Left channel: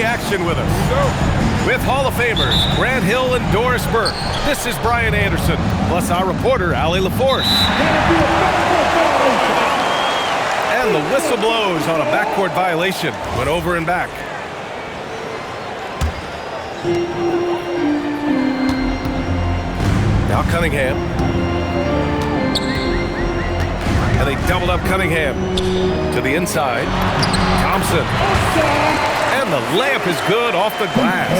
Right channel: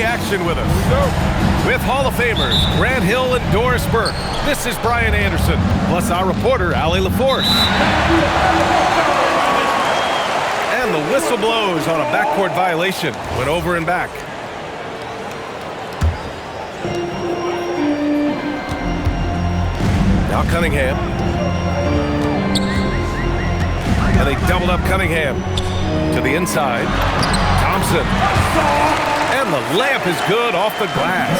Action with us. With Hall of Famers Grant Hill and Doris Burke, this is Brian Anderson, plus our reporter, Allie LaForce. And the whistle blows on a backcourt violation. Went over and back. Now Cunningham. And they doubled up Cunningham to the inside. Thompson. And the layup is good off the glass.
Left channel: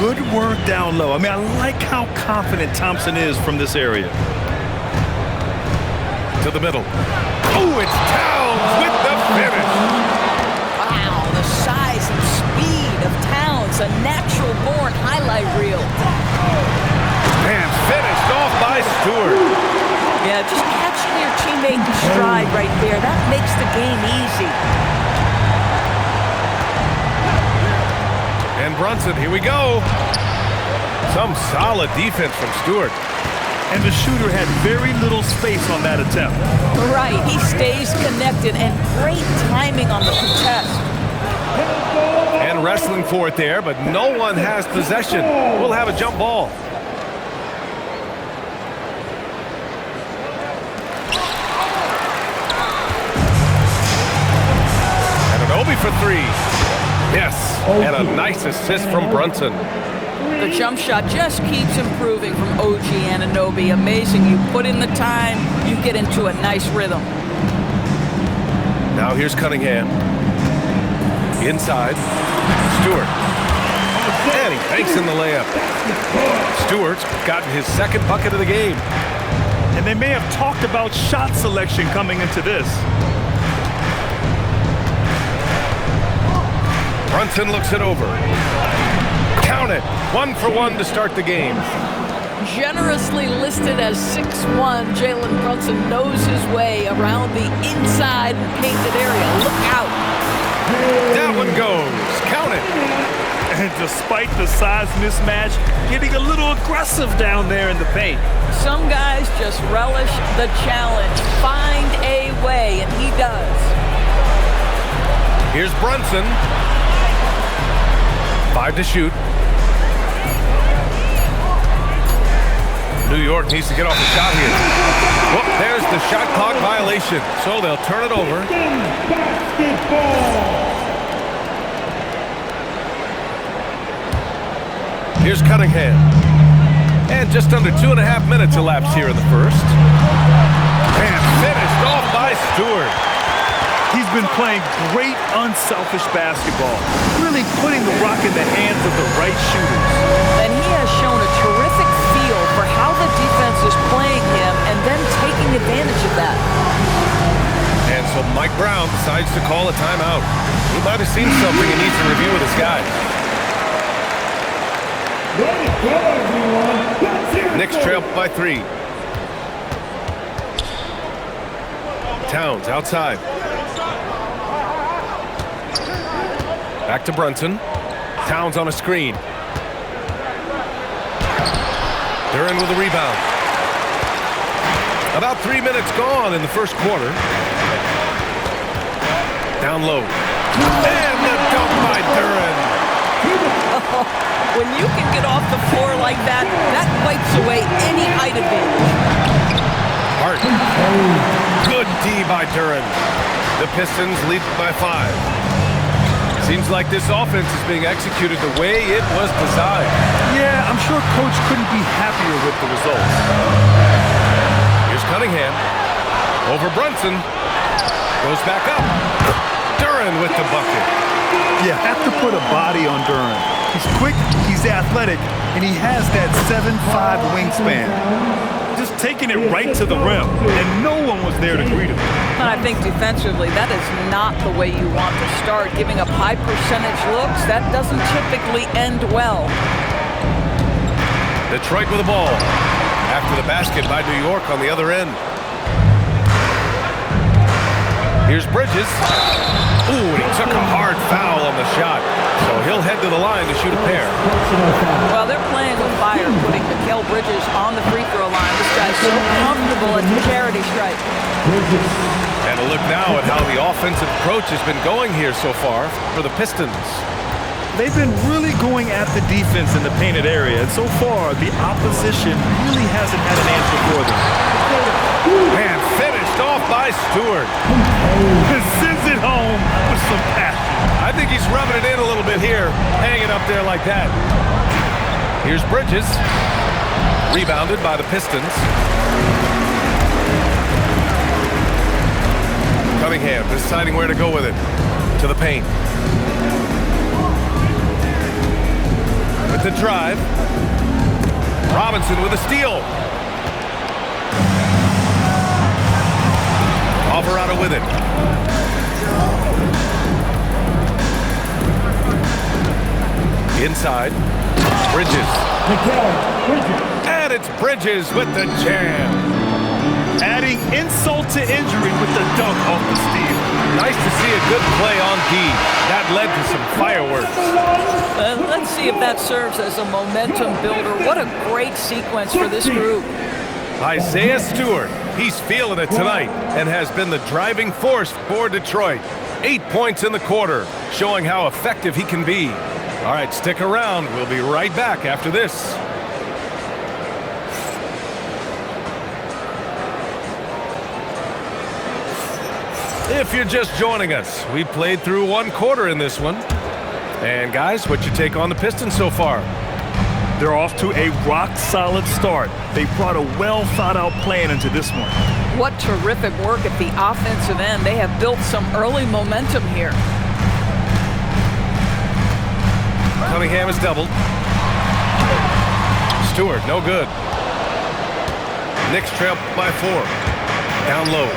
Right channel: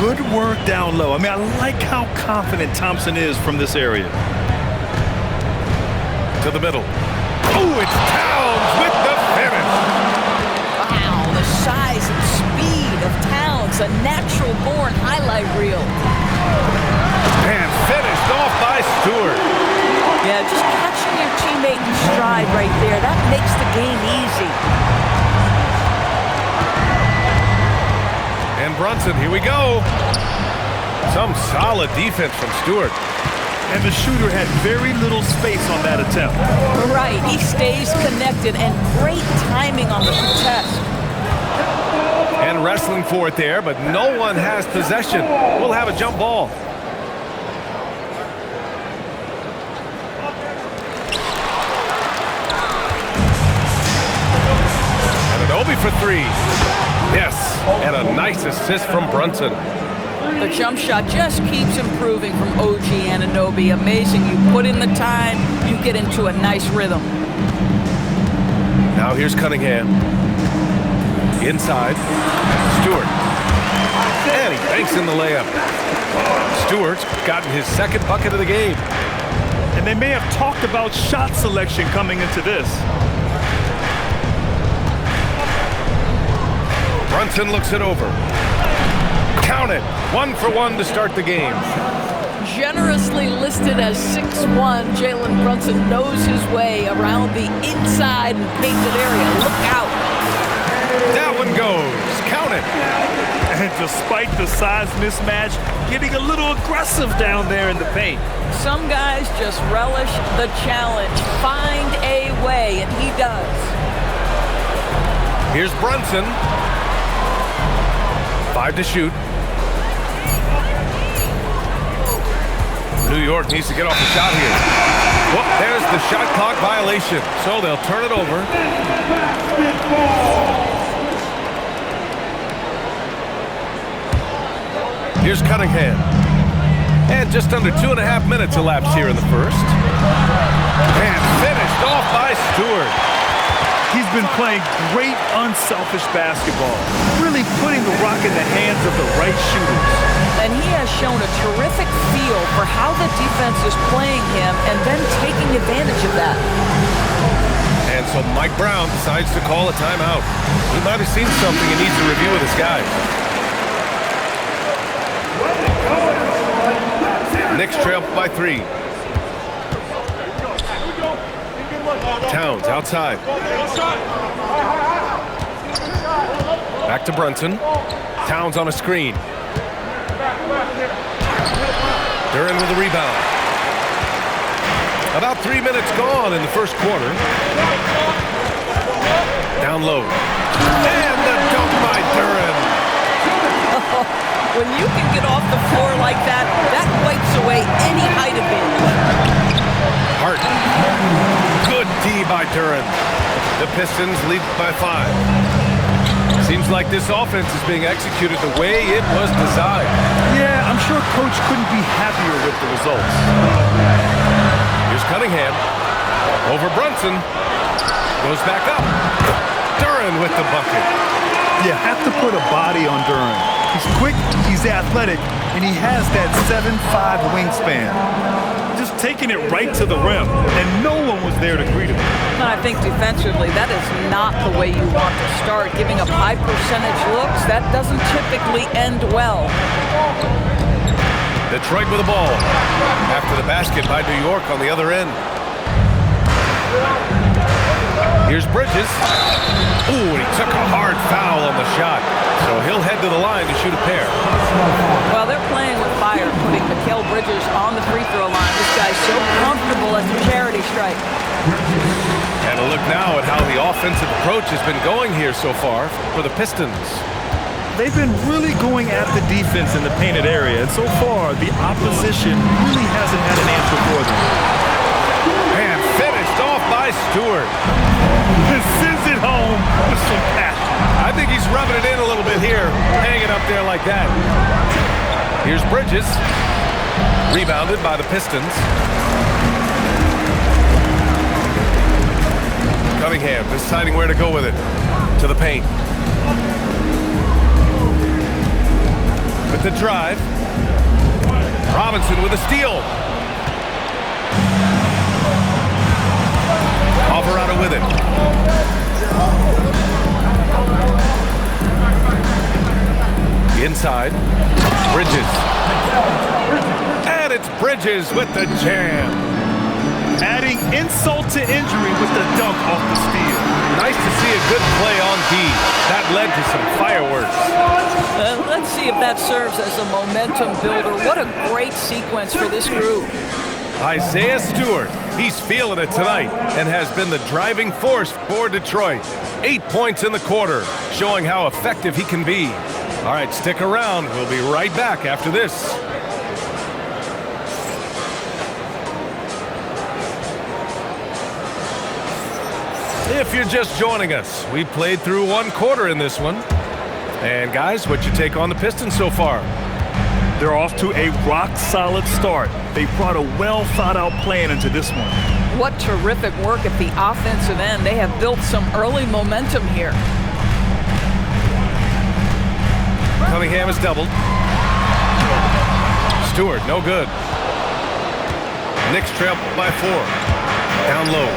Good work down low. I mean, I like how confident Thompson is from this area. To the middle. Oh, it's Towns with the finish. Wow, the size and speed of Towns, a natural-born highlight reel. And finished off by Stewart. Yeah, just catching your teammate in stride right there, that makes the game easy. And Brunson, here we go. Some solid defense from Stewart. And the shooter had very little space on that attempt. Right, he stays connected and great timing on the contest. And wrestling for it there, but no one has possession. We'll have a jump ball. And an Obi for three. Yes, and a nice assist from Brunson. The jump shot just keeps improving from OG Anunoby. Amazing. You put in the time, you get into a nice rhythm. Now here's Cunningham. Inside. Stewart. And he banks in the layup. Stewart's gotten his second bucket of the game. And they may have talked about shot selection coming into this. Brunson looks it over. Count it. 1 for 1 to start the game. Generously listed as 6'1", Jalen Brunson knows his way around the inside and painted area. Look out. That one goes. Count it. And despite the size mismatch, getting a little aggressive down there in the paint. Some guys just relish the challenge. Find a way, and he does. Here's Brunson. 5 to shoot. New York needs to get off the shot here. Well, there's the shot clock violation, so they'll turn it over. Here's Cunningham. And just under 2.5 minutes elapsed here in the first. And finished off by Stewart. He's been playing great unselfish basketball, really putting the rock in the hands of the right shooters. And he has shown a terrific feel for how the defense is playing him and then taking advantage of that. And so Mike Brown decides to call a timeout. He might have seen something and needs to review with his guys. Knicks trail by 3. Towns outside. Back to Brunson. Towns on a screen. Duren with a rebound. About 3 minutes gone in the first quarter. Down low. And the dunk by Duren. When you can get off the floor like that, that wipes away any height advantage. Hart. Good D by Duren. The Pistons lead by 5. Seems like this offense is being executed the way it was designed. Yeah, I'm sure Coach couldn't be happier with the results. Here's Cunningham. Over Brunson. Goes back up. Duren with the bucket. You have to put a body on Duren. He's quick, he's athletic, and he has that 7'5" wingspan. Just taking it right to the rim, and no one was there to greet him. And I think defensively, that is not the way you want to start. Giving up high percentage looks, that doesn't typically end well. Detroit with the ball. After the basket by New York on the other end. Here's Bridges. Ooh, and he took a hard foul on the shot. So he'll head to the line to shoot a pair. Well, they're playing with fire, putting Mikal Bridges on the free throw line. This guy's so comfortable at the charity stripe. And a look now at how the offensive approach has been going here so far for the Pistons. they've been really going at the defense in the painted area, and so far, the opposition really hasn't had an answer for them. And finished off by Stewart. Sends it home with some passion. I think he's rubbing it in a little bit here, hanging up there like that. Here's Bridges. Rebounded by the Pistons. Cunningham deciding where to go with it. To the paint. With the drive. Robinson with a steal. Alvarado with it. Inside. Bridges. And it's Bridges with the jam. Adding insult to injury with the dunk off the steal. Nice to see a good play on D. That led to some fireworks. Let's see if that serves as a momentum builder. What a great sequence for this group. Isaiah Stewart, he's feeling it tonight and has been the driving force for Detroit. 8 points in the quarter, showing how effective he can be. All right, stick around. We'll be right back after this. If you're just joining us, we played through one quarter in this one. And guys, what's your take on the Pistons so far? They're off to a rock-solid start. They brought a well-thought-out plan into this one. What terrific work at the offensive end. They have built some early momentum here. Cunningham is doubled. Stewart, no good. Knicks trail by 4. Down low.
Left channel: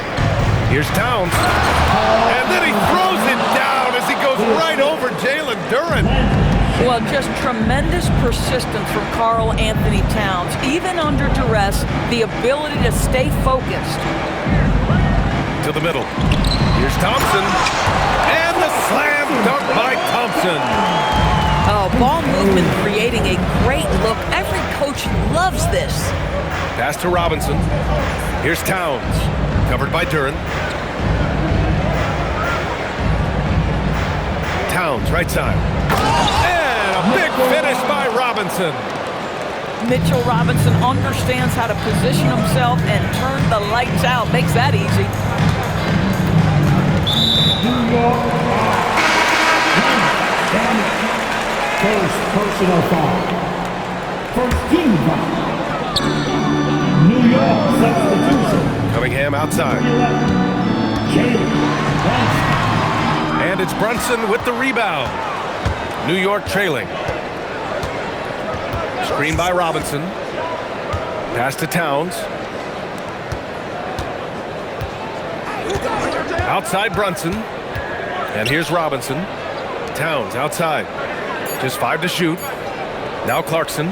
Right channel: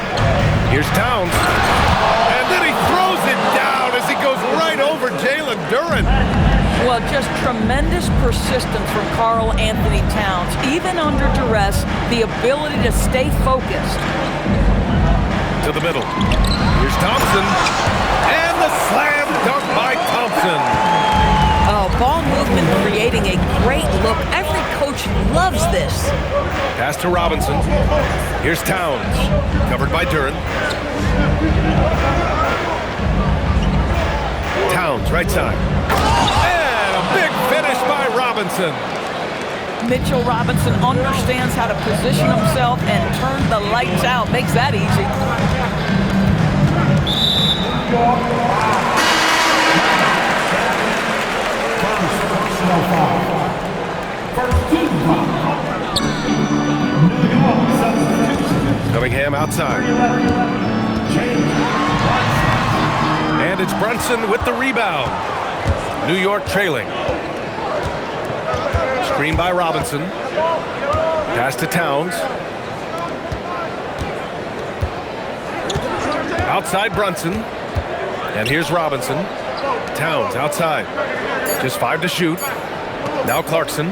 Here's Towns. And then he throws it down as he goes right over Jalen Duren. Well, just tremendous persistence from Karl Anthony Towns. Even under duress, the ability to stay focused. To the middle. Here's Thompson. And the slam dunk by Thompson. Oh, ball movement creating a great look. Every coach loves this. Pass to Robinson. Here's Towns. Covered by Duren. Towns, right side. And a big finish by Robinson. Mitchell Robinson understands how to position himself and turn the lights out. Makes that easy. First personal foul. First team foul. New York substitution. Cunningham outside. And it's Brunson with the rebound. New York trailing. Screen by Robinson. Pass to Towns. Outside Brunson. And here's Robinson. Towns outside. Just 5 to shoot. Now Clarkson.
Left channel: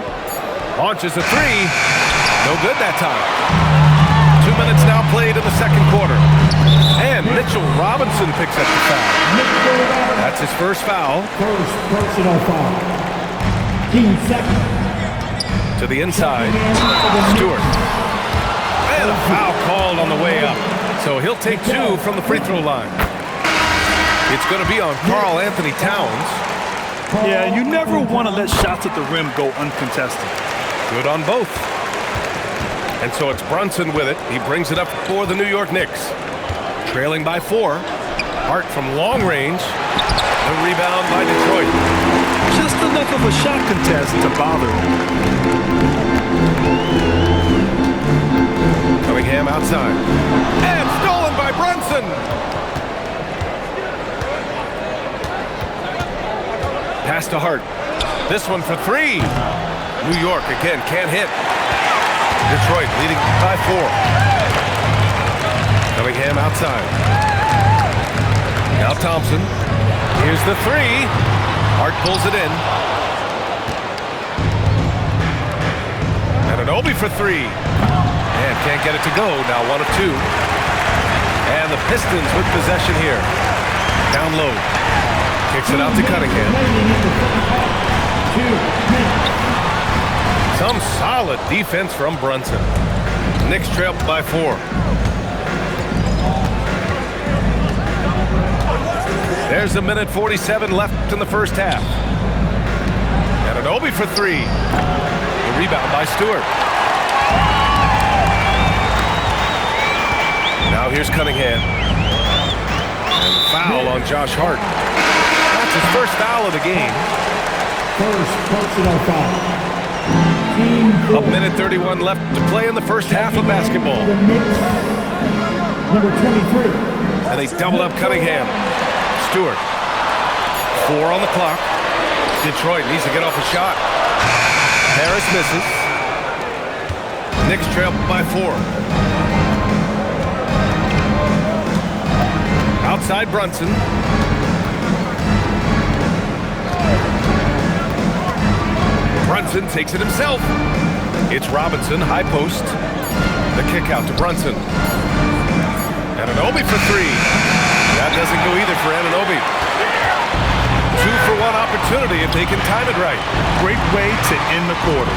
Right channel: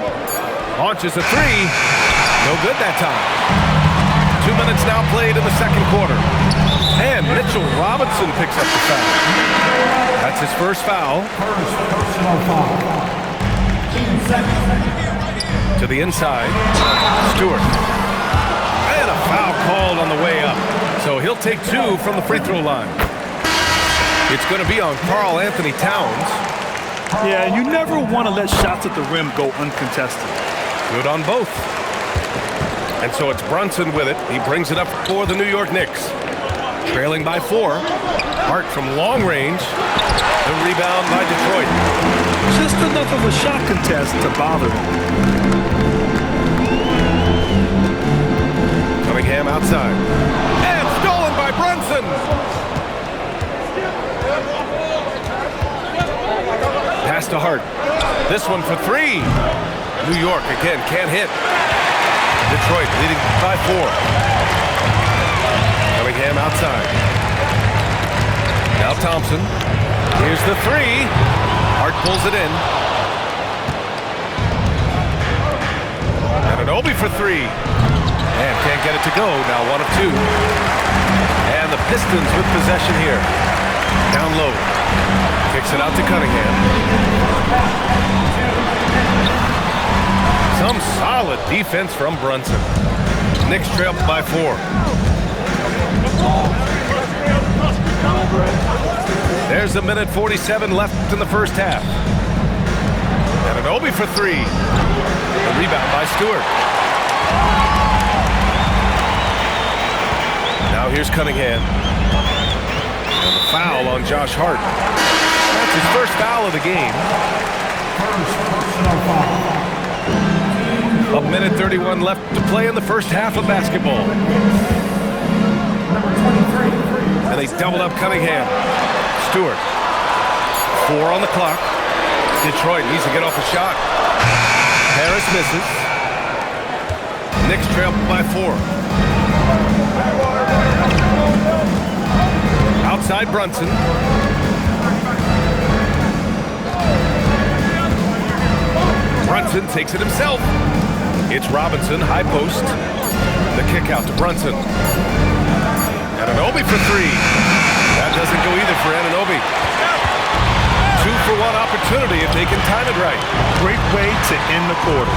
Launches a 3. No good that time. 2 minutes now played in the second quarter. And Mitchell Robinson picks up the foul. That's his first foul. First personal foul. Team second. To the inside. Stewart. And a foul called on the way up. So he'll take 2 from the free throw line. It's going to be on Karl Anthony Towns. Yeah, you never want to let shots at the rim go uncontested. Good on both. And so it's Brunson with it. He brings it up for the New York Knicks. Trailing by 4. Hart from long range. The rebound by Detroit. Just enough of a shot contest to bother him. Cunningham outside. And stolen by Brunson. Pass to Hart. This one for 3. New York again can't hit. Detroit leading by 4. Cunningham outside. Now Thompson. Here's the 3. Hart pulls it in. And an Obi for 3. And can't get it to go. Now 1 of 2. And the Pistons with possession here. Down low. Kicks it out to Cunningham. Some solid defense from Brunson. Knicks trail by 4. There's a minute 47 left in the first half. Anunoby for three. The rebound by Stewart. Now here's Cunningham. And the foul on Josh Hart. That's his first foul of the game. First personal foul. A minute 31 left to play in the first half of basketball. The Knicks, number 23. And they doubled up Cunningham. Stewart. 4 on the clock. Detroit needs to get off a shot. Harris misses. Knicks trail by 4. Outside Brunson. Brunson takes it himself. It's Robinson, high post. The kick out to Brunson. Anunoby for 3. That doesn't go either for Anunoby. 2-for-1 opportunity if they can time it right. Great way to end the quarter.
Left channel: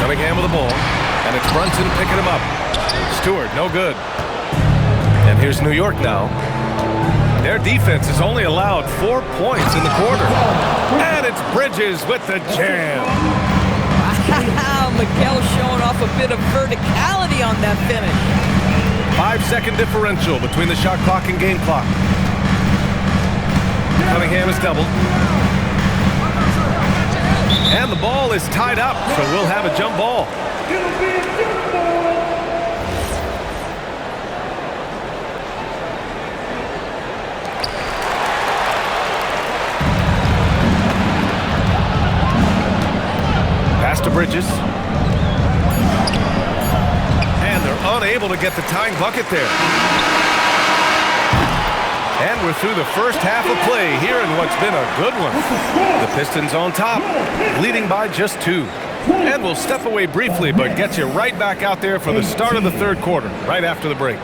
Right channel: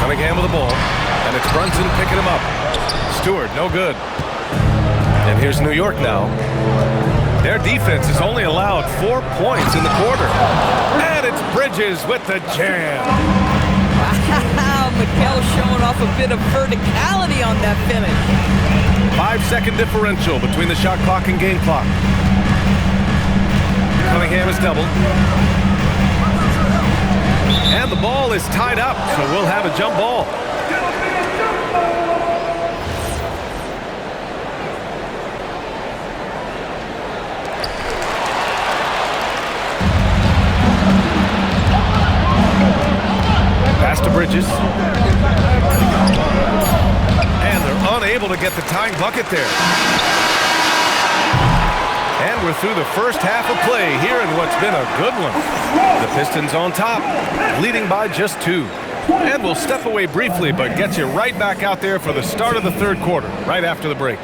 Cunningham with the ball, and it's Brunson picking him up. Stewart, no good. And here's New York now. Their defense has only allowed 4 points in the quarter. And it's Bridges with the jam. Wow, Mikal showing off a bit of verticality on that finish. 5-second differential between the shot clock and game clock. Cunningham is doubled. And the ball is tied up, so we'll have a jump ball. Pass to Bridges. And they're unable to get the tying bucket there. And we're through the first half of play here in what's been a good one. The Pistons on top, leading by just 2. And we'll step away briefly, but get you right back out there for the start of the third quarter, right after the break.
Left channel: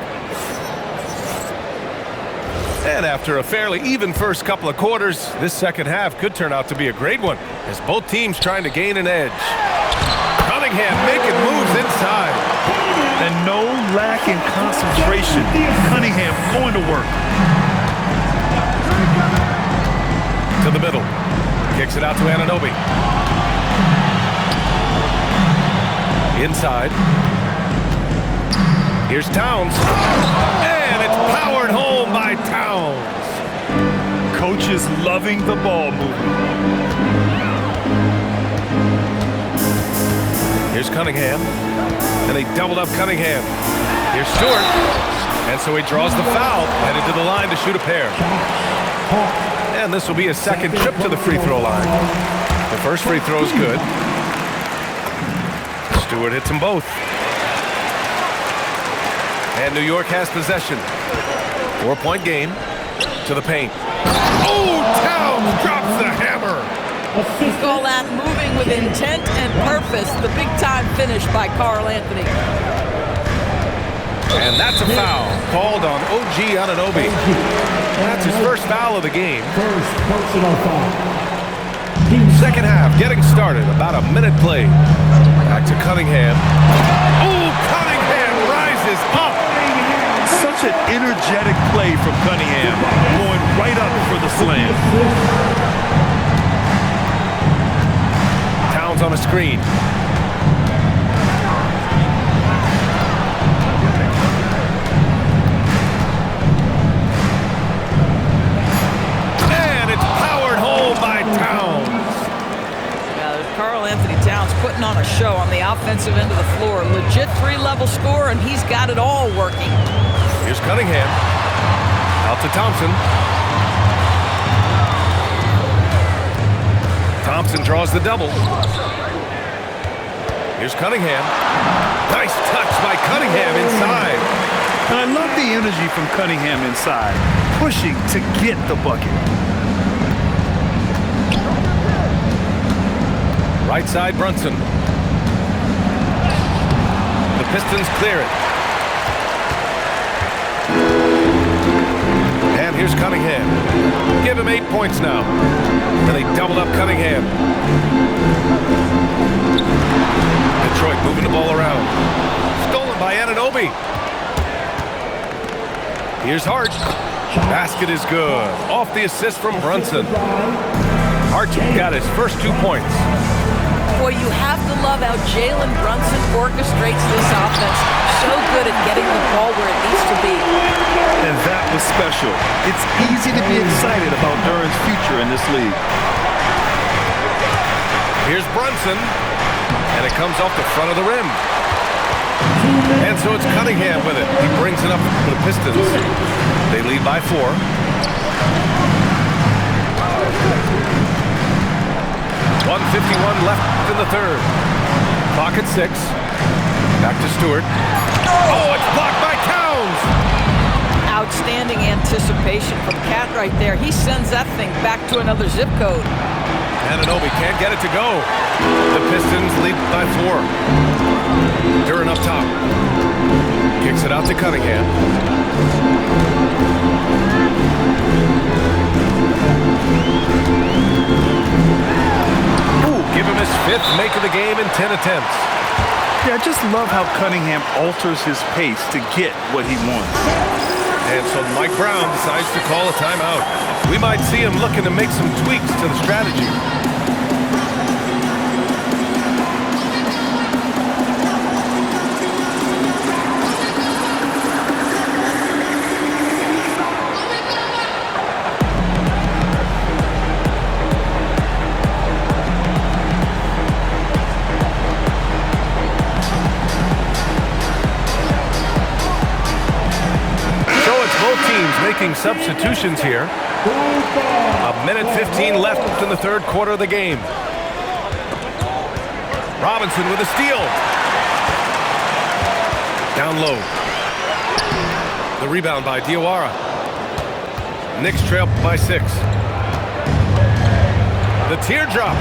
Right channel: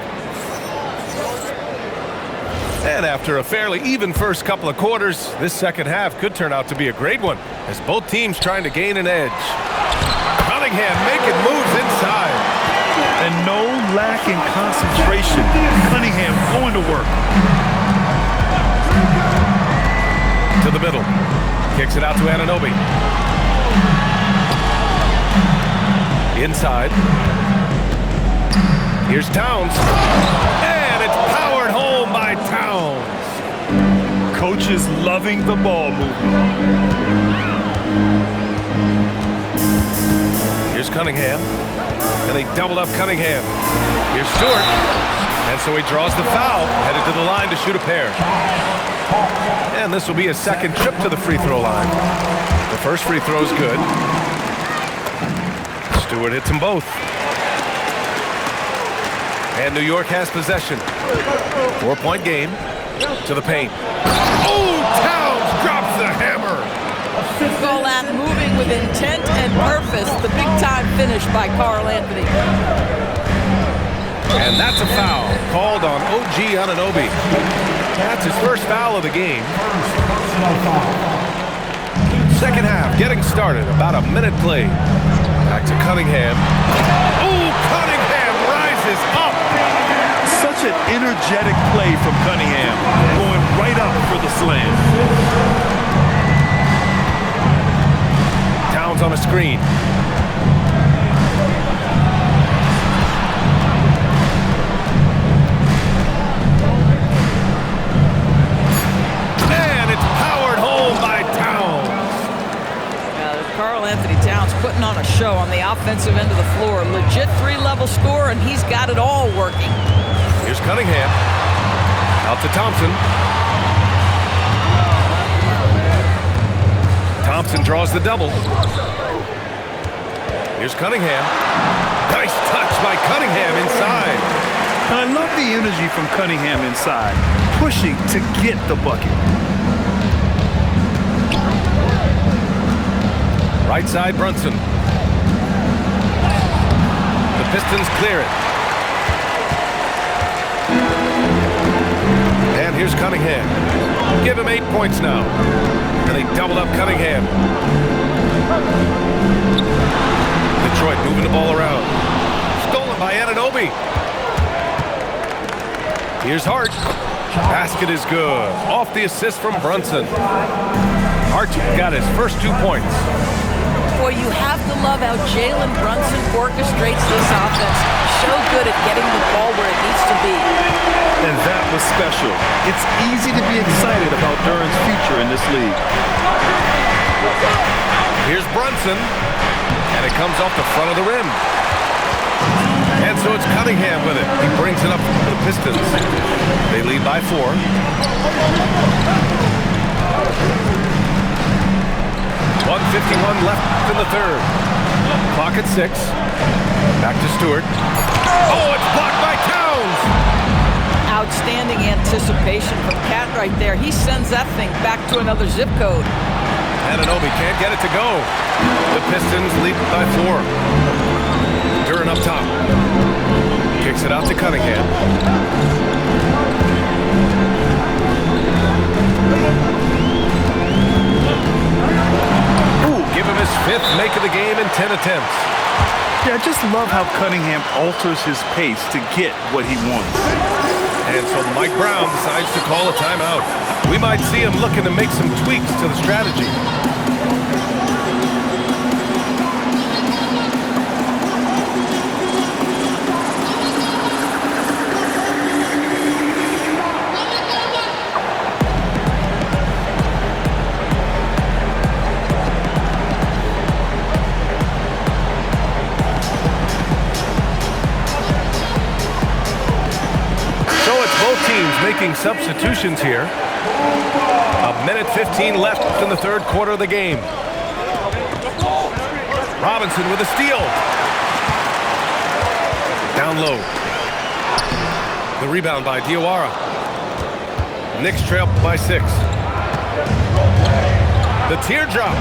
And after a fairly even first couple of quarters, this second half could turn out to be a great one, as both teams trying to gain an edge. Cunningham making moves inside. And no lack in concentration. Cunningham going to work. To the middle. Kicks it out to Anunoby. Inside. Here's Towns. And it's powered home by Towns. Coach is loving the ball movement. Here's Cunningham. And they doubled up Cunningham. Here's Stewart. And so he draws the foul, headed to the line to shoot a pair. And this will be a second trip to the free throw line. The first free throw is good. Stewart hits them both. And New York has possession. 4-point game. To the paint. Oh, Towns drops the hammer. We call that moving with intent and purpose. The big-time finish by Karl Anthony. And that's a foul called on OG Anunoby. That's his first foul of the game. First personal foul. Second half getting started. About a minute played. Back to Cunningham. Oh, Cunningham rises up. Such an energetic play from Cunningham. Going right up for the slam. Towns on a screen. And it's powered home by Towns. Karl Anthony Towns putting on a show on the offensive end of the floor. Legit 3-level score, and he's got it all working. Here's Cunningham. Out to Thompson. Thompson draws the double. Here's Cunningham. Nice touch by Cunningham inside. And I love the energy from Cunningham inside, pushing to get the bucket. Right side, Brunson. The Pistons clear it. And here's Cunningham. Give him 8 points now. And they doubled up Cunningham. Detroit moving the ball around. Stolen by Anunoby. Here's Hart. Basket is good. Off the assist from Brunson. Hart got his first 2 points. Boy, you have to love how Jalen Brunson orchestrates this offense. So good at getting the ball where it needs to be. And that was special. It's easy to be excited about Duren's future in this league. Here's Brunson, and it comes off the front of the rim. And so it's Cunningham with it. He brings it up for the Pistons. They lead by 4. .151 left in the third. Clock at 6. Back to Stewart. Oh, it's blocked by Towns! Outstanding anticipation from Cat right there. He sends that thing back to another zip code. Anunoby can't get it to go. The Pistons lead by 4. Duren up top. Kicks it out to Cunningham. Give him his 5th make of the game in 10 attempts. Yeah, I just love how Cunningham alters his pace to get what he wants. And so Mike Brown decides to call a timeout. We might see him looking to make some tweaks to the strategy. Both teams making substitutions here. 1:15 left in the third quarter of the game. Robinson with a steal. Down low. The rebound by Diawara. Knicks trail by 6. The teardrop.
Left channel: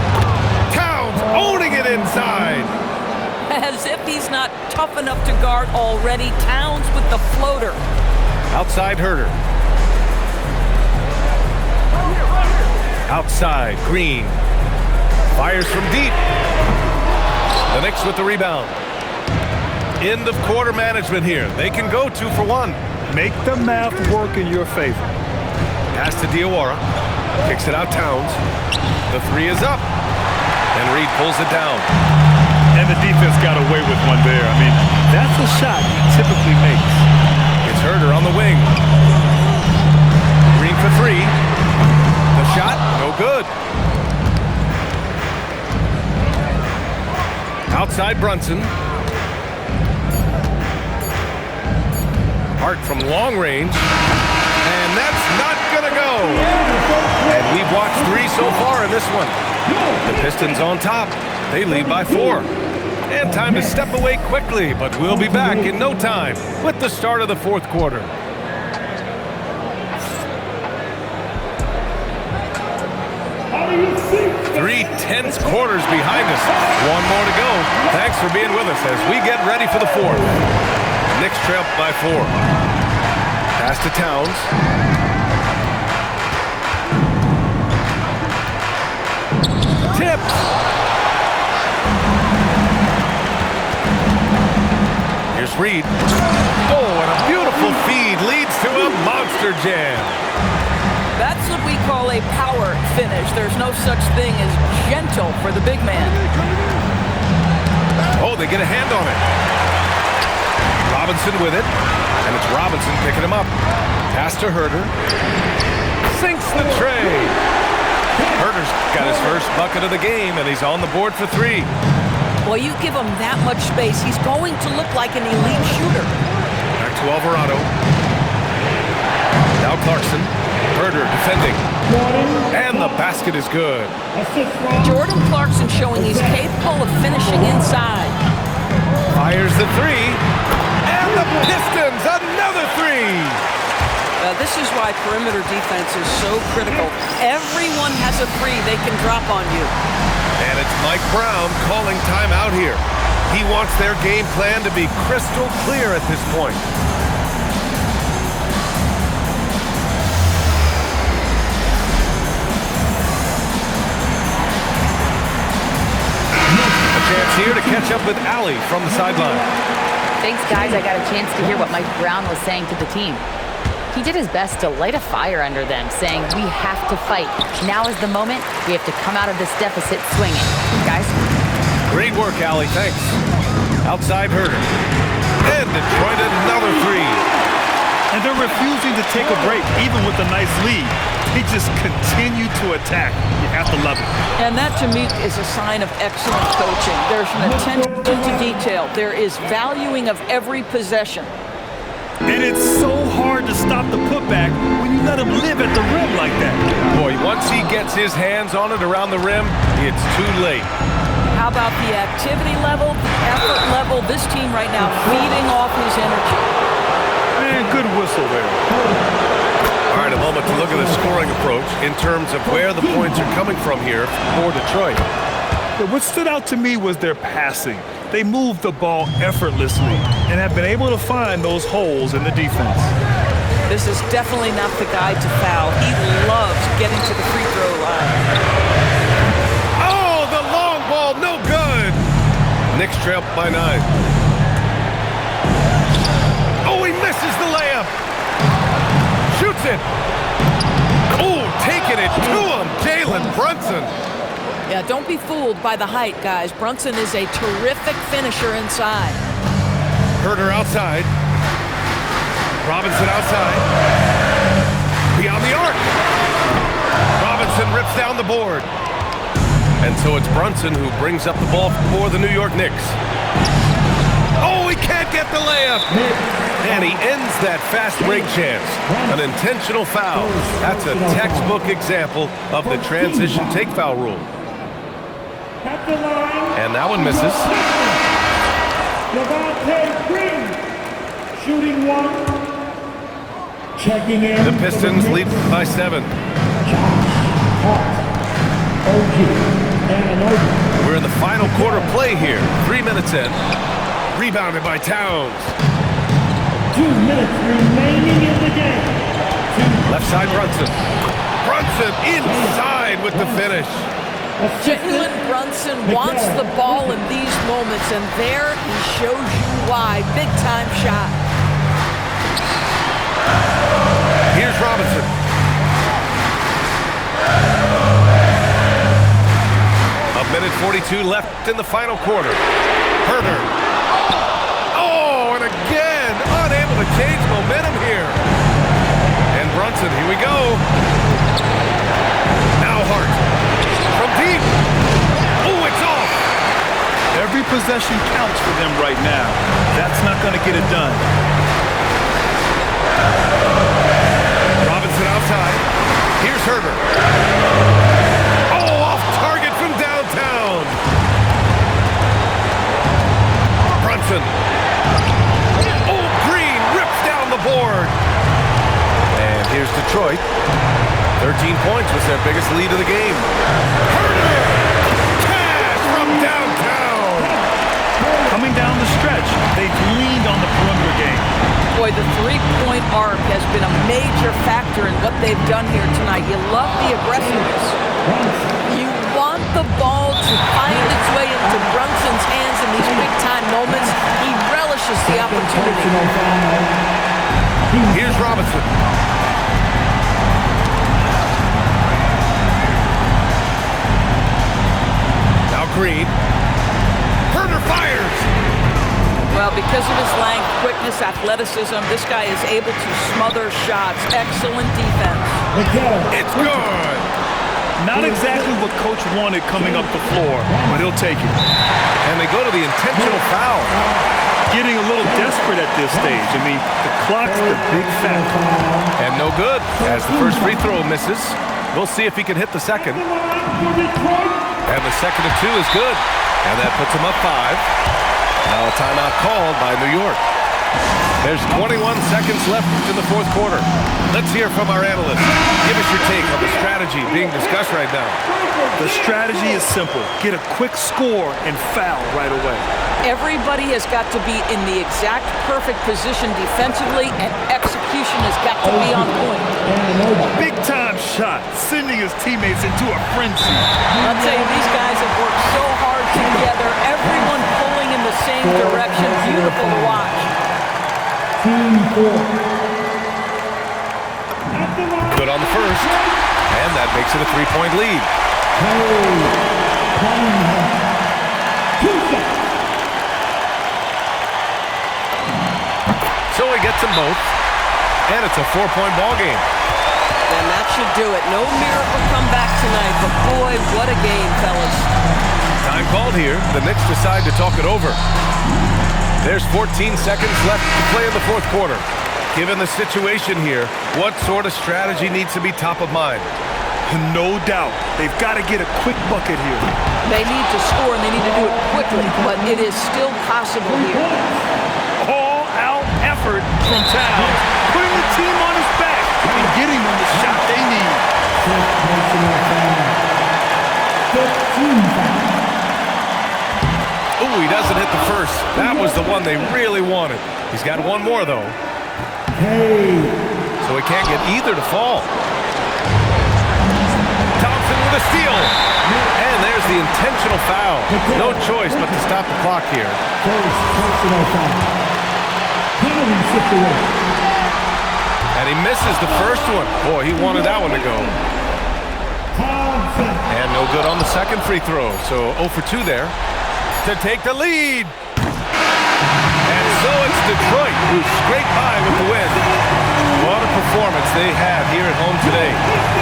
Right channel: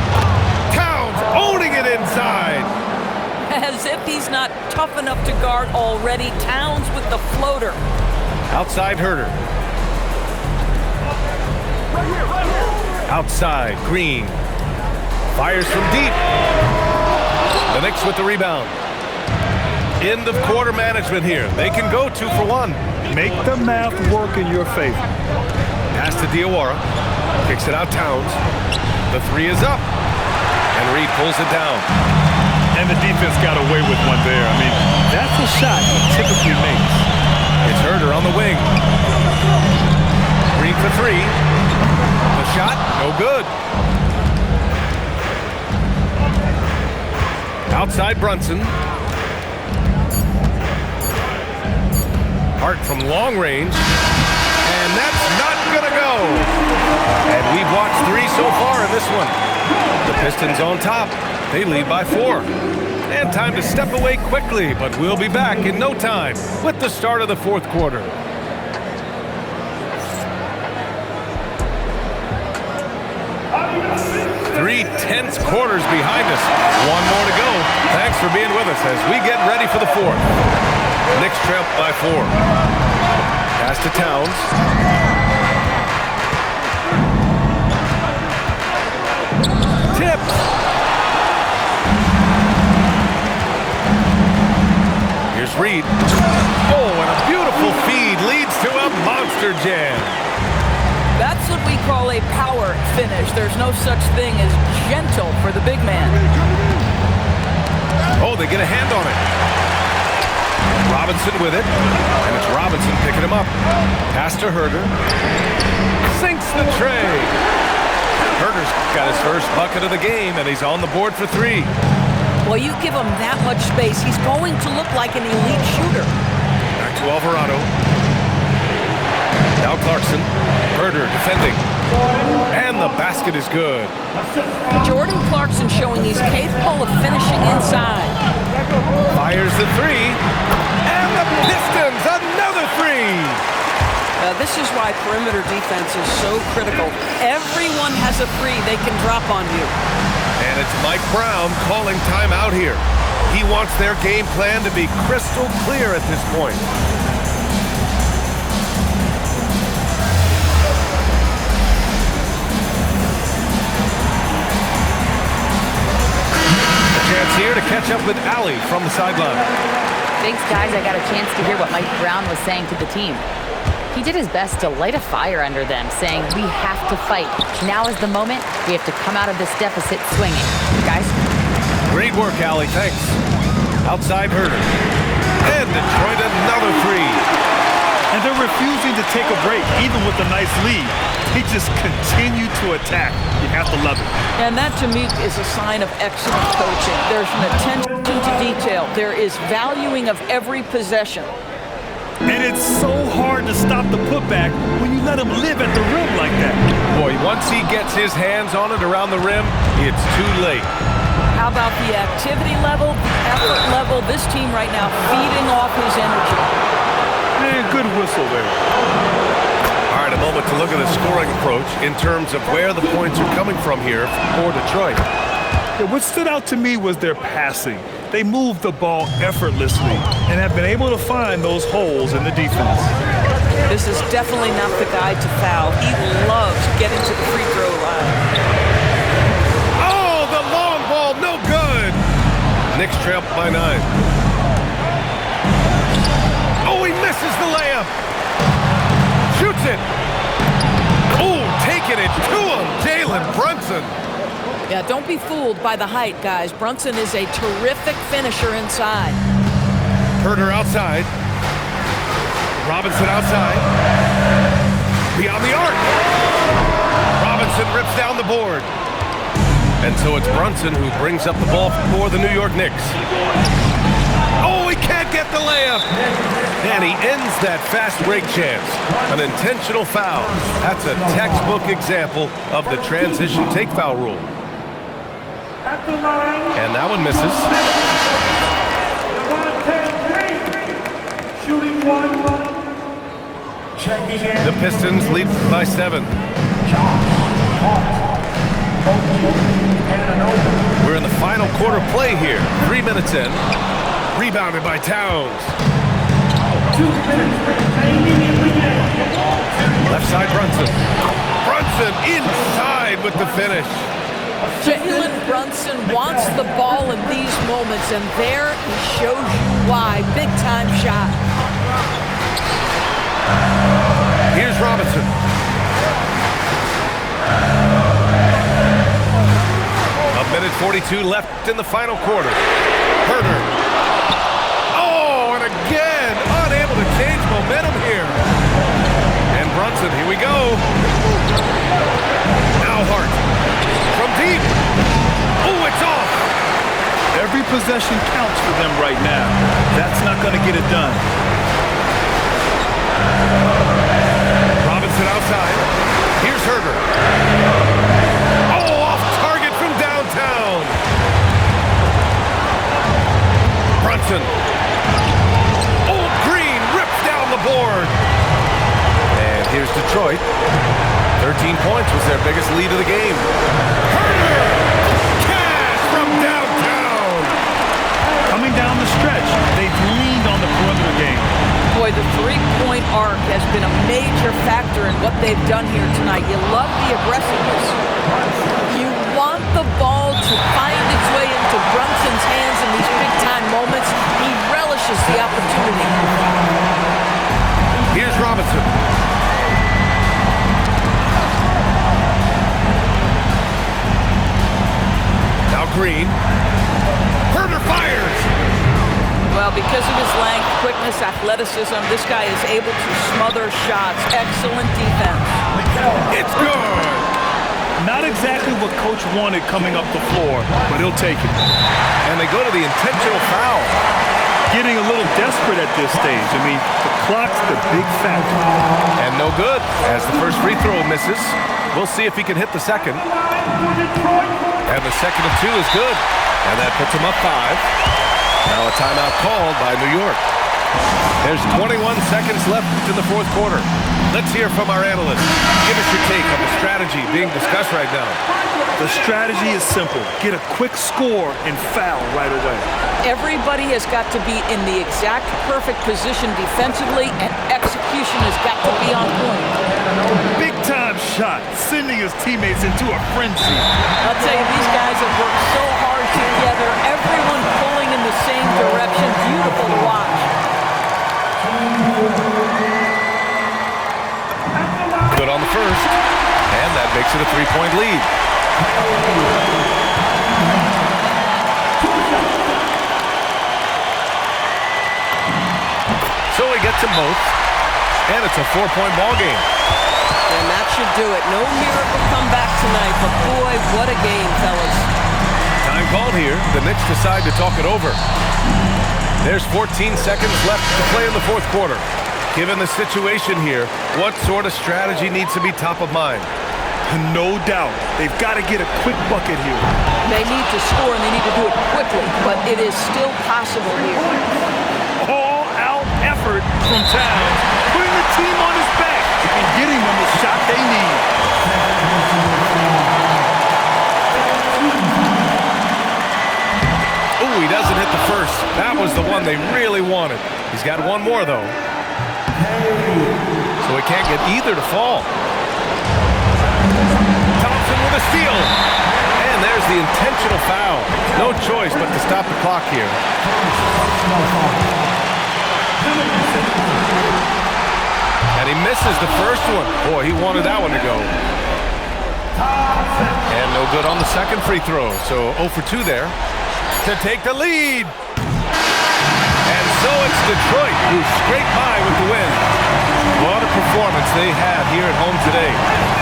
Towns owning it inside. As if he's not tough enough to guard already. Towns with the floater. Outside Herter. Outside Green. Fires from deep. The Knicks with the rebound. End of quarter management here. They can go 2 for 1. Make the math work in your favor. Pass to Diawara. Kicks it out Towns. The 3 is up. And Reed pulls it down. And the defense got away with one there. I mean, that's a shot he typically makes. It's Herter on the wing. Green for 3. The shot, no good. Outside Brunson. Hart from long range. And that's not gonna go. And we've watched 3 so far in this one. The Pistons on top. They lead by 4. And time to step away quickly, but we'll be back in no time with the start of the fourth quarter. Three tense quarters behind us. 1 more to go. Thanks for being with us as we get ready for the fourth. Knicks trail by 4. Pass to Towns. Tipped. Here's Reed. Oh, and a beautiful feed leads to a monster jam. That's what we call a power finish. There's no such thing as gentle for the big man. Oh, they get a hand on it. Robinson with it, and it's Robinson picking him up. Pass to Herter. Sinks the tray. Herter's got his first bucket of the game, and he's on the board for 3. Well, you give him that much space, he's going to look like an elite shooter. Back to Alvarado. Now Clarkson. Herter defending. And the basket is good. Jordan Clarkson showing he's capable of finishing inside. Fires the 3. And the Pistons, another 3. This is why perimeter defense is so critical. Everyone has a 3 they can drop on you. And it's Mike Brown calling timeout here. He wants their game plan to be crystal clear at this point. A chance here to catch up with Allie from the sideline. Thanks, guys. I got a chance to hear what Mike Brown was saying to the team. He did his best to light a fire under them, saying, "We have to fight. Now is the moment. We have to come out of this deficit swinging." Guys? Great work, Allie. Thanks. Outside Herder. And Detroit another three. And they're refusing to take a break, even with a nice lead. They just continue to attack. You have to love it. And that, to me, is a sign of excellent coaching. There's an attention to detail. There is valuing of every possession. And it's so hard to stop the putback when you let him live at the rim like that. Boy, once he gets his hands on it around the rim, it's too late. How about the activity level, the effort level? This team right now feeding off his energy. Man, good whistle there. All right, a moment to look at the scoring approach in terms of where the points are coming from here for Detroit. Yeah, what stood out to me was their passing. They moved the ball effortlessly and have been able to find those holes in the defense. This is definitely not the guy to foul. He loves getting to the free throw line. Oh, the long ball, no good. Knicks trail by 9. Oh, he misses the layup. Shoots it. Oh, taking it to him, Jalen Brunson. Yeah, don't be fooled by the height, guys. Brunson is a terrific finisher inside. Herder outside. Robinson outside. Beyond the arc. Robinson rips down the board. And so it's Brunson who brings up the ball for the New York Knicks. Oh, he can't get the layup. And he ends that fast break chance. An intentional foul. That's a textbook example of the transition take foul rule. At the line. And that one misses. Green. Shooting one. Checking in. The Pistons lead by 7. Josh Hart. OG. And We're in the final quarter play here. 3 minutes in. Rebounded by Towns. 2 minutes remaining in the game. Left side Brunson. Brunson inside with the finish. Jalen Brunson wants the ball in these moments, and there he shows you why. Big-time shot. Here's Robinson. A minute 42 left in the final quarter. Herder. Oh, and again, unable to change momentum here. And Brunson, here we go. Now Hart. From deep. Oh, it's off. Every possession counts for them right now. That's not going to get it done. Robinson outside. Here's Herder. Oh, off target from downtown. Brunson. Oh, Green rips down the board. And here's Detroit. 13 points was their biggest lead of the game. Herder! Cash from downtown! Coming down the stretch, they've leaned on the perimeter game. Boy, the three-point arc has been a major factor in what they've done here tonight. You love the aggressiveness. You want the ball to find its way into Brunson's hands in these big-time moments. He relishes the opportunity. Here's Robinson. Now Green. Herder fires. Well, because of his length, quickness, athleticism, this guy is able to smother shots. Excellent defense. It's good. Not exactly what Coach wanted coming up the floor, but he'll take it. And they go to the intentional foul. Getting a little desperate at this stage. I mean, the clock's the big factor. And no good, as the first free throw misses. We'll see if he can hit the second. And the second of 2 is good. And that puts him up 5. Now a timeout called by New York. There's 21 seconds left in the fourth quarter. Let's hear from our analyst. Give us your take on the strategy being discussed right now. The strategy is simple. Get a quick score and foul right away. Everybody has got to be in the exact perfect position defensively, and execution has got to be on point. Big-time shot, sending his teammates into a frenzy. I'll tell you, these guys have worked so hard together, everyone pulling in the same direction. Beautiful to watch. good on the first. And that makes it a 3-point lead. So he gets them both. And it's a 4-point ball game. And that should do it. No miracle comeback tonight, but boy, what a game, fellas. Time called here. The Knicks decide to talk it over. There's 14 seconds left to play in the fourth quarter. Given the situation here, what sort of strategy needs to be top of mind? No doubt. They've got to get a quick bucket here. They need to score, and they need to do it quickly, but it is still possible here. All-out effort from Towns, putting the team on his back and getting them the shot they need. Ooh, he doesn't hit the first. That was the one they really wanted. He's got one more, though. So he can't get either to fall. Thompson with a steal. And there's the intentional foul. No choice but to stop the clock here. And he misses the first one. Boy, he wanted that one to go. And no good on the second free throw. So 0 for 2 there to take the lead. And so it's Detroit who scraped by with the win. What a performance they had here at home today.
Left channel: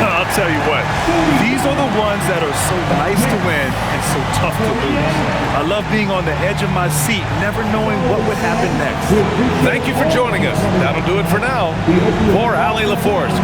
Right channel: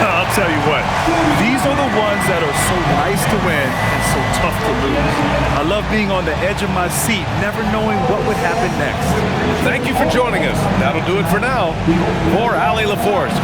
I'll tell you what, these are the ones that are so nice to win and so tough to lose. I love being on the edge of my seat, never knowing what would happen next. Thank you for joining us. That'll do it for now. For Allie LaForce.